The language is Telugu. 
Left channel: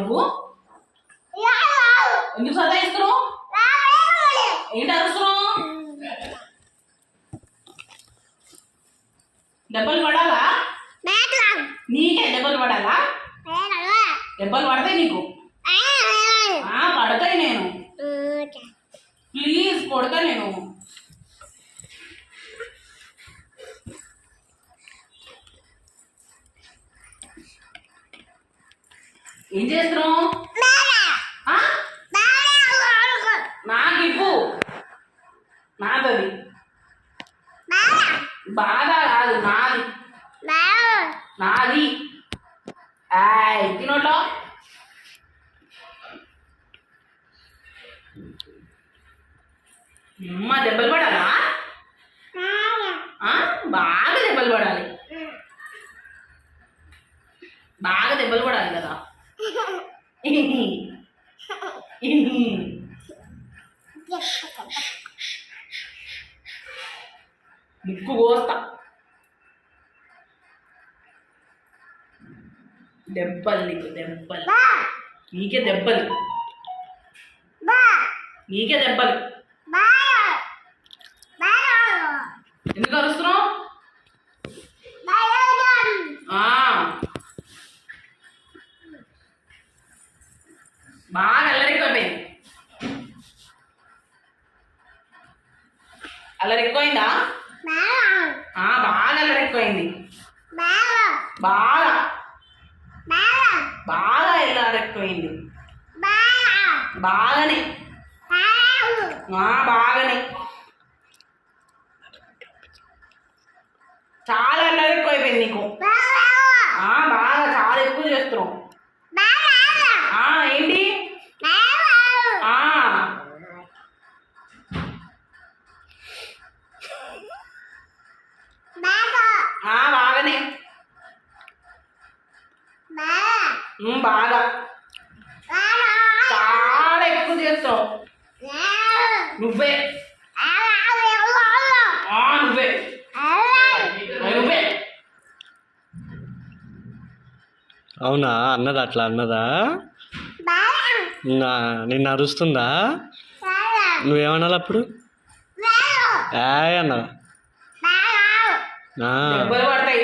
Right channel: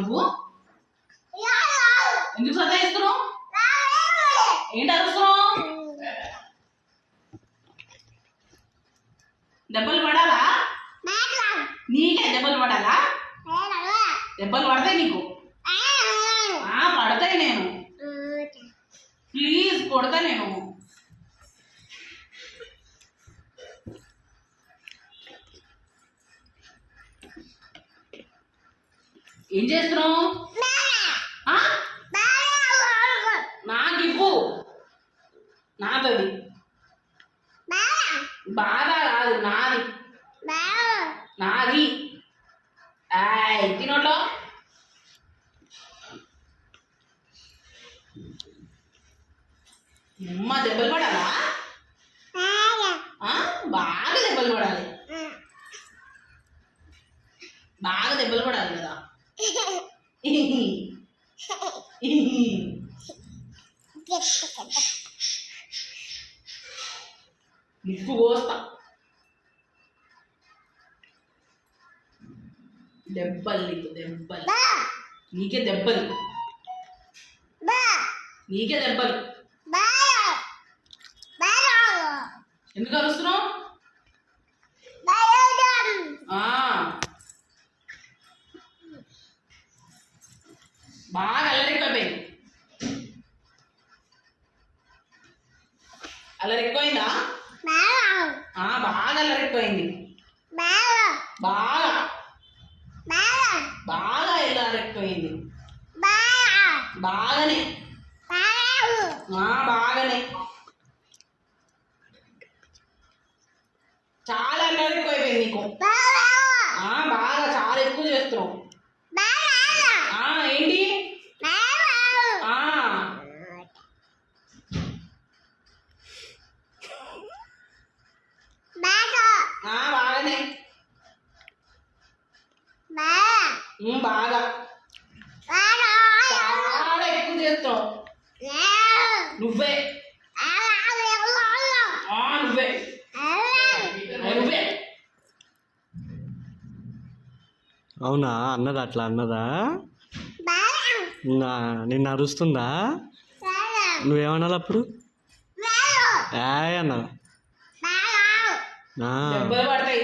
నువ్వు? ఎందుకు సతాయిస్తున్నావు? ఏంటి అరుస్తున్నావు? దెబ్బలు పడాలా? నీకే దెబ్బలు పడాలా? దెబ్బలు పడతాయి నీకు. పడతాయి. నేను ప్లీజ్ కొడతా. నేను ఏం చేస్తున్నావు? నాకు ఇవ్వు. నాదది. బాధ కాదు, నాది. నాది. తినోటో అమ్మ దెబ్బలు పడాలా? బాగా దెబ్బలు పడాలి. బాగా దెబ్బలు పడాలి కదా. ముక్కు కోస్తా. దెబ్బలు నీకు, దెబ్బలు. నీకే దెబ్బలు. నీకే దెబ్బలు. ఎందుకు అరుస్తున్నావు? బాగా అల్లరెక్కువైపోయింది. అల్లరెక్కువైందా? బాగా అల్లరెక్కువైంది. బాగా బాగా అల్లరెక్కువైంది. బాగానే బాగానే చాలా అల్లరెక్కువైపోయింది నీకు. బాగా చాలా ఎక్కువ చేస్తున్నావు. ఏంటి? బాగానే బాగా చాలా ఎక్కువ చేస్తావు. నువ్వే నువ్వే నువ్వే. అవునా? అన్నదా? అట్లా అన్నదా? నిన్ను అరుస్తుందా? నువ్వేమన్నావు అప్పుడు? అన్నావు. దెబ్బలు పడతాయి.